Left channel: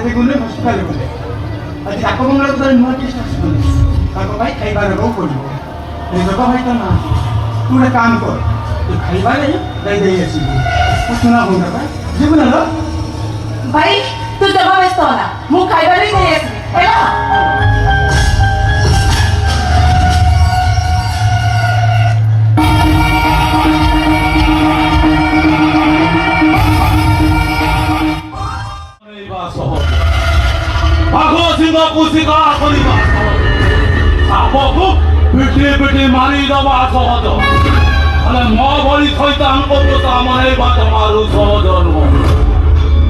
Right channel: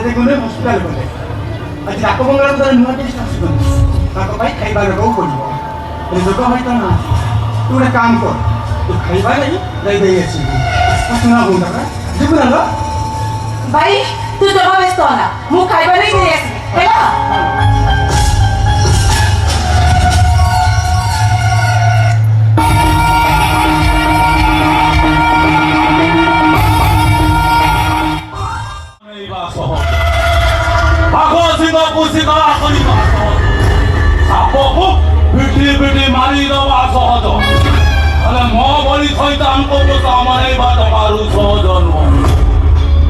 କେତେ ଗୁଣରେ ହସ୍ପିଟାଲ ଗଲେ ଆଜି ରାପମଙ୍ଗଳ ଥରେ ନୂଆ କିଛି ଆସୁଛନ୍ତି ତାଙ୍କ ପାଇଁ ଖାଇବା ଦେବାକୁ ପଡ଼ିବ ଏ ଲୋକ ଭାଇ ତ ନା ତୁ ଗୋଟେ କାମ କର ତୁ ଖାଇବା ଦେଇ ଆସିବୁ ତୁ ଶୁଣା ମୁଣ୍ଡ ଯିବୁ ନା ଭାଇ ତୁ ଜମା ବ୍ୟସ୍ତ ହନା ମୁଁ ଖାଇବା ନେଇ ଆସିବି ହେଲା କୁସିକା କରିବା ସାପକୁ ପିଠି ପିଠି ମାରିଦେବା ସହଜ ହେଲେ ମୋ ଭଳି ଶୈତାନଙ୍କ ଦୋଷ ଆମରେଇବା ଜମାରୁ ସହଜ ନୁହଁ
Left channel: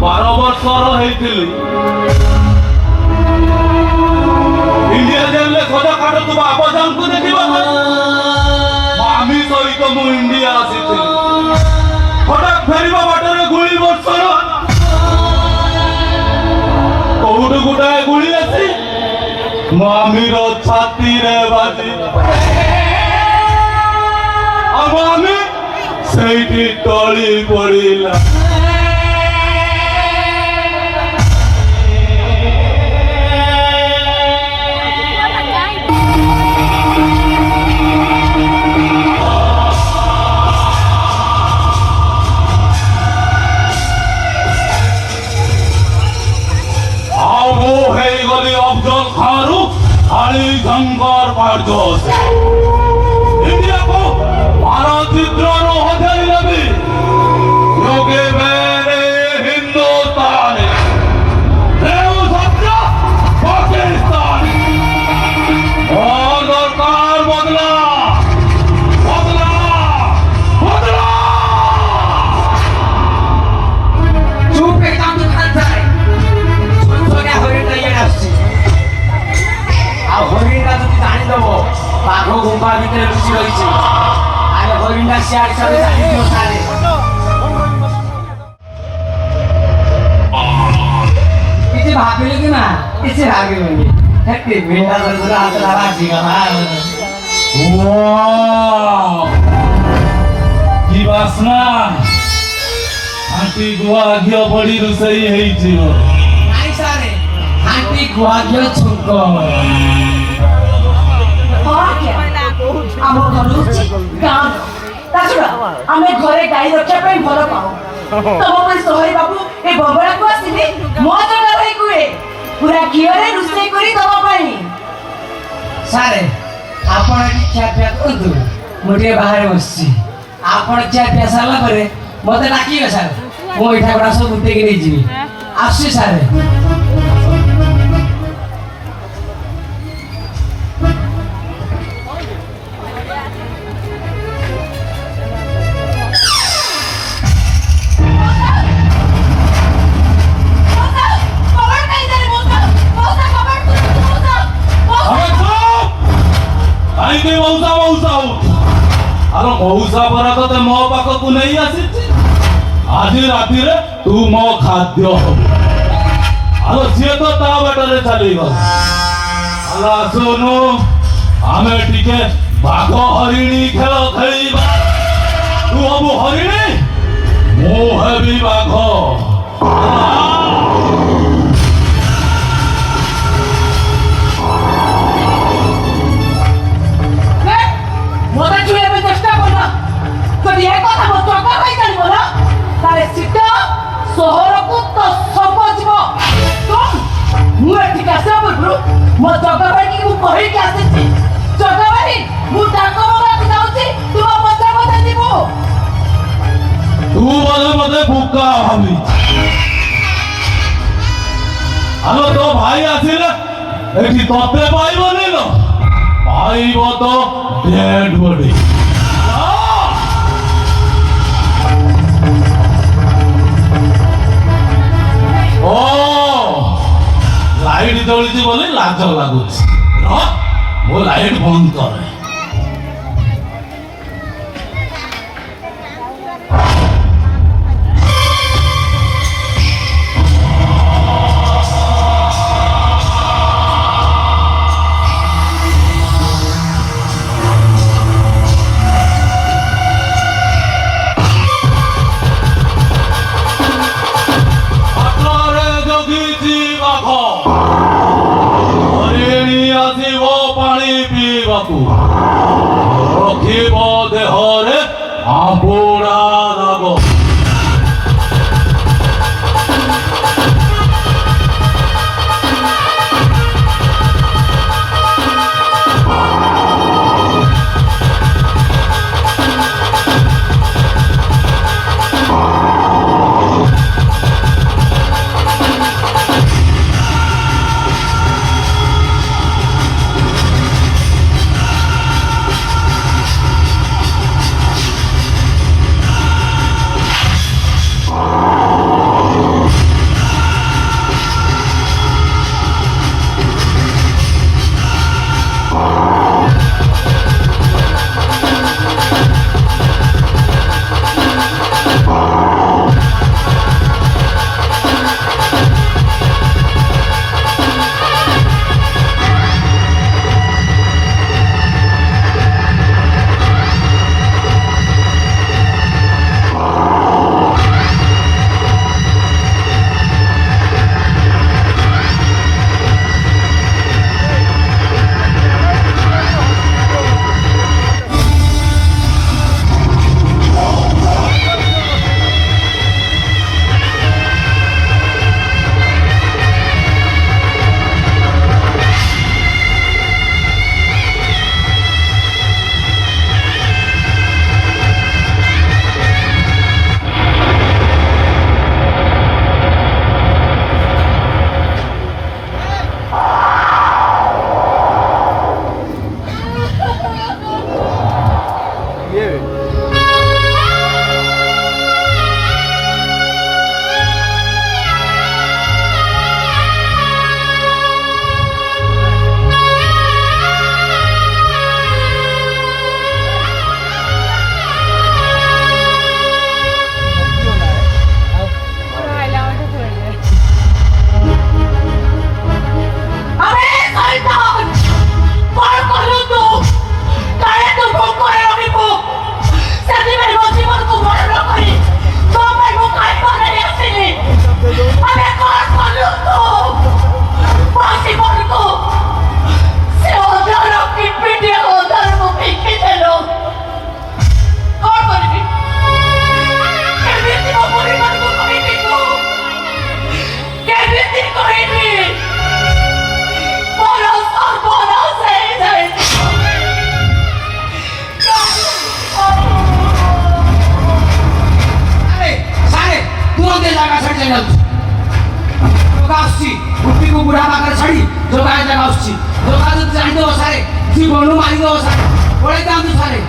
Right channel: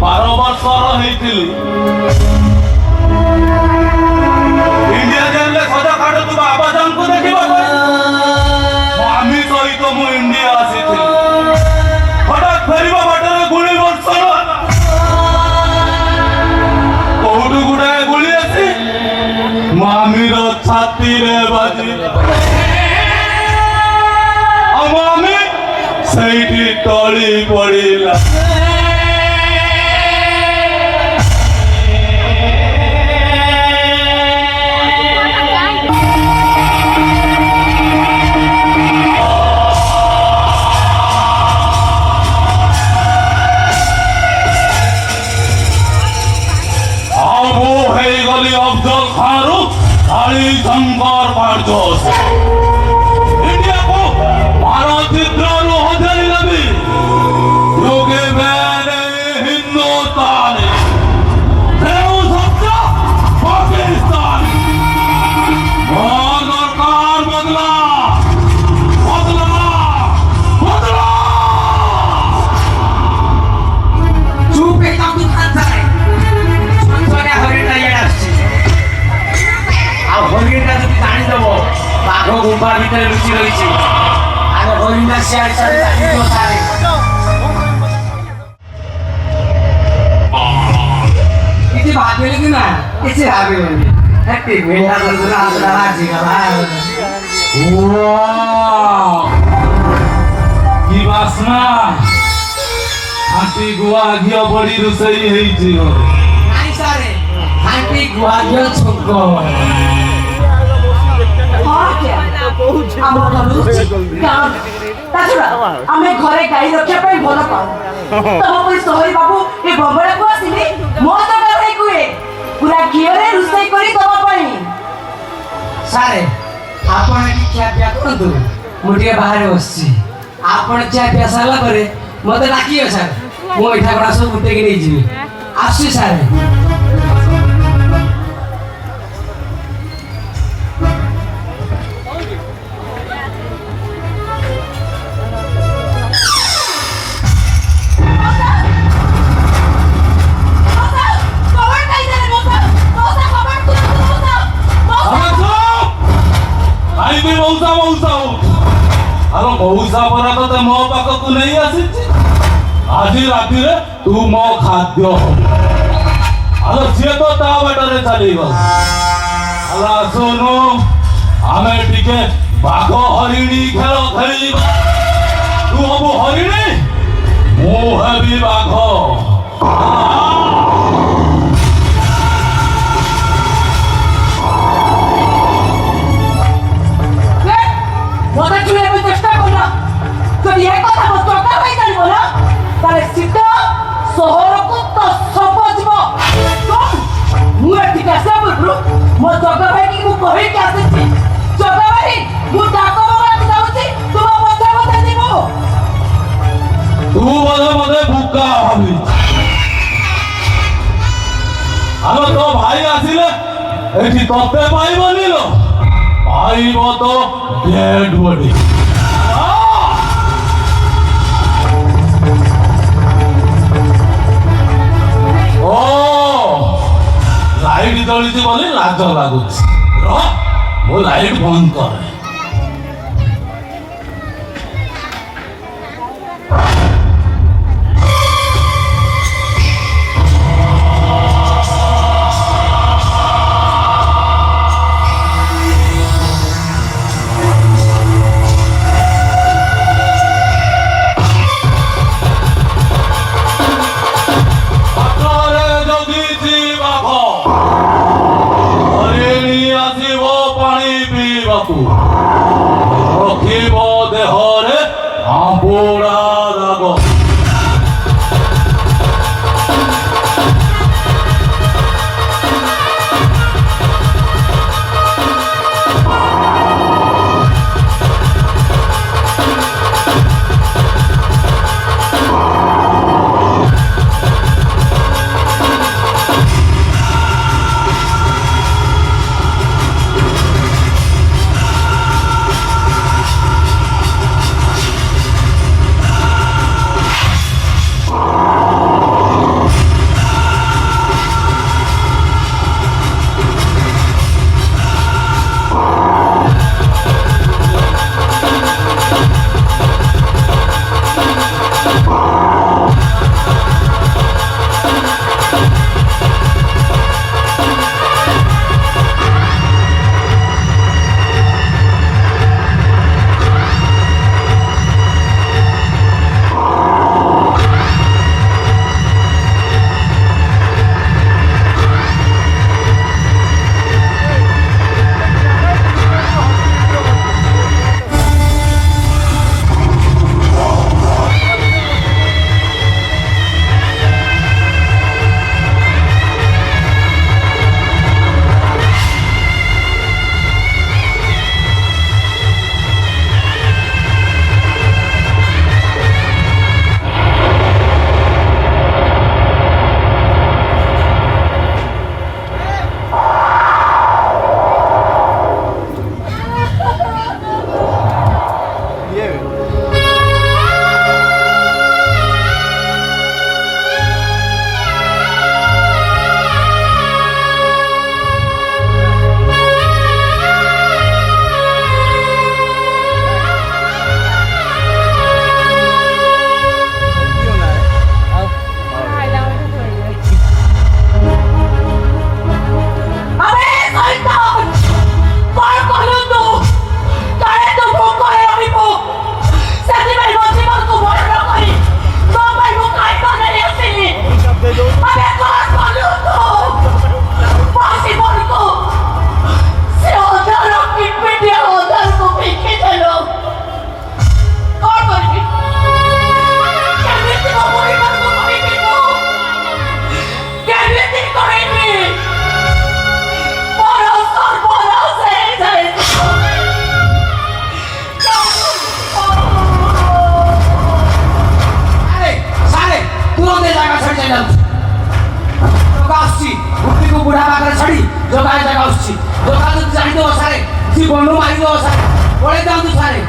12 ବର୍ଷର ହେଇଥିଲି ଇଣ୍ଡିଆ ଜେଲରେ ସଦ କାଟୁଥିବା ଆବାଜାଙ୍କୁ ଦେଖିବା ପାଇଁ ମାମି ସହିତ ମୁଁ ଇଣ୍ଡିଆ ଆସିଥିଲି ହଠାତ୍ ଫେରିବା ବାଟରେ ଗୁଳି ବର୍ଷଣ କୋଉଠୁ ଗୁଡ଼ାଏ ଗୁଳି ଆସି ମାମିର ଛାତିରେ ବାଜି ଆଉ ମାମି ସେଇଠି ଟଳି ପଡ଼ିଲା शंकर पार्जोस इंडिया को मानचित्रनु हथेलिलबि योगे मेरे हिंदुस्तान देव सत्य पाकिस्तान और सरकार बदला बदला बदला चुप एकदम दुकान जाए संसोने हरिण ये आछि हरिणटा তুমি জানি দেব বাঘ গুম্ফা ভিতরে লুচি রয়েছে আর হরিণটা শেয়ার সাথে জানি দিও সারে কিছু ভাবিলে কি না কিছু ভাবিলে হ্যাপি মেন্টা বলগুলো আসলে রাজি গলা ওয়াও কি বাসনা আন্টি গুয়া ঘিয়া বড়ি রুসেই হেইছিল নাই সারে আন্টি গুয়া গিয়ে ছুক ଆମେ ଘରେ ଗାଈ ରଖିବା ପାଇଁ ଭଲ ପାଉ ତମ ପରି ସହରୀ ବାବୁ ଏ ବବଳାକୁ ଆସିଲି ମୋ ଦରକାର କୁହେ ପୁରା ଘିଅରେ ରୋଷେଇ କରି ତମ ପାଇଁ ସାରେ ଆପଣ ଏଠି ଖିଆ ପିଆ କରନ୍ତୁ ମୁଁ ଟିକେ ବାହାରେ ବସିଛି ଆପଣ ଖିଆ ପିଆ ସାରିଲା ପରେ ମତେ ଡାକିବେ ସାର୍ ମୁଁ ଏଇଠା ଗୁଡ଼ା ସବୁ ଉଠେଇକି ନେଇଯିବି ଆସୁଛି ସାରେ ମଉସା ପରା ତତେ ମୋ ପାଖକୁ ନେଇ ଆସିଛି ଆଜି ରାତିରେ ତୁ ମୋ ଖାଦ୍ୟ ହବୁ ଆଉ ସିଏ ତ ତା ବାଟରେ ଚାଲିଗଲା ହେଲା ଶୁଣୁ ଆମେ ଟିକେ ବାଘ ହରିଣୀ ଖେଳ ଖେଳିବା ତୁ ହବୁ ହରିଣୀ ମୁଁ ହେବି ବାଘ ମୋ ଜଗବାରୀ ମୁଁ କହିକି ଆସିଛି ଜଗବାରୀ ମୁଁ ଡାକ ବୋଲାକୁ ଯାଉଛି ତୁମ ମଜା ମଜା ଯିବୁ ତୁ ବୋଧେ ଭୁକା ହବି ଆଉ ତୋ ଭାଇ ଆସିଲେ ଏଠି ତତେ ପାଇବନି ଲୋ ପାଇବ ତ ଡେଡ୍ ବଡି लाइट जलुଛି ବୋଲି ଲାଜ ଲାଗୁଛି ମୋ ଲାଇଟ୍ ବନ୍ଦ କରେ পোড়া রাগ ବୁଢା ପାଖରେ ଛାଡି ଜଗା ଜାଗା ଆସୁଛି ଜଗା ଯଦି ଜାଣିଦବ ସାରେ ଜୀବନରୁ ମାରିଦବ ସାରେ ପଳେଇ ଯାଆନ୍ତୁ ସାରେ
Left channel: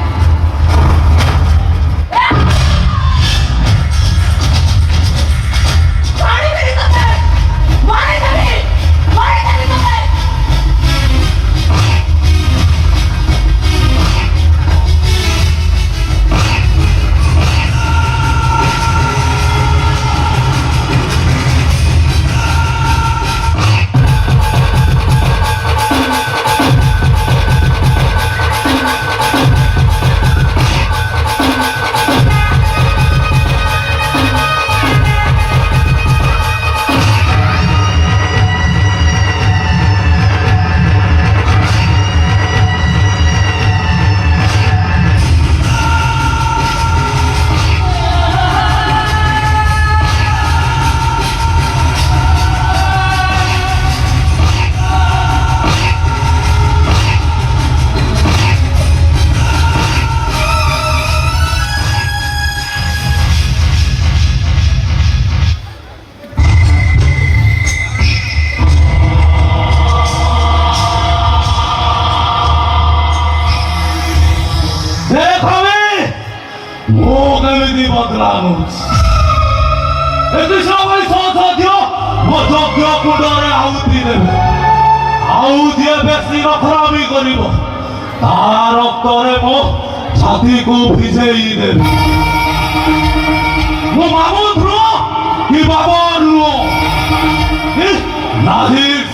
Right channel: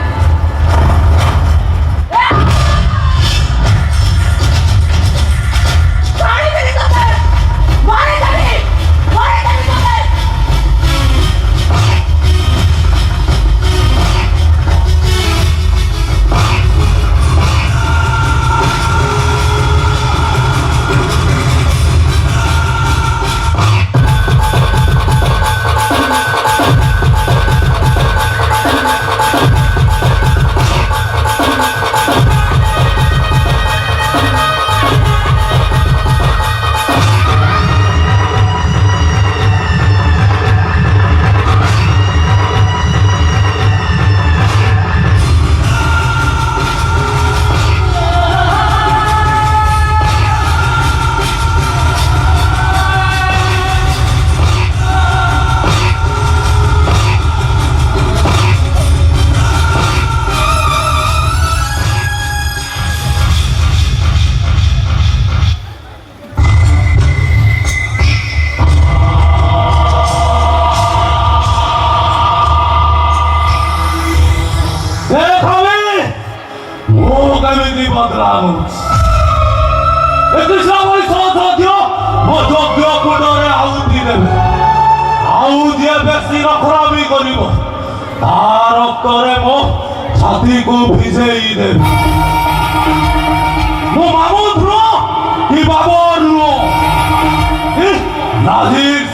छाती को भिजेई देवे मो मामूद रो कि बाबर रो नाजिर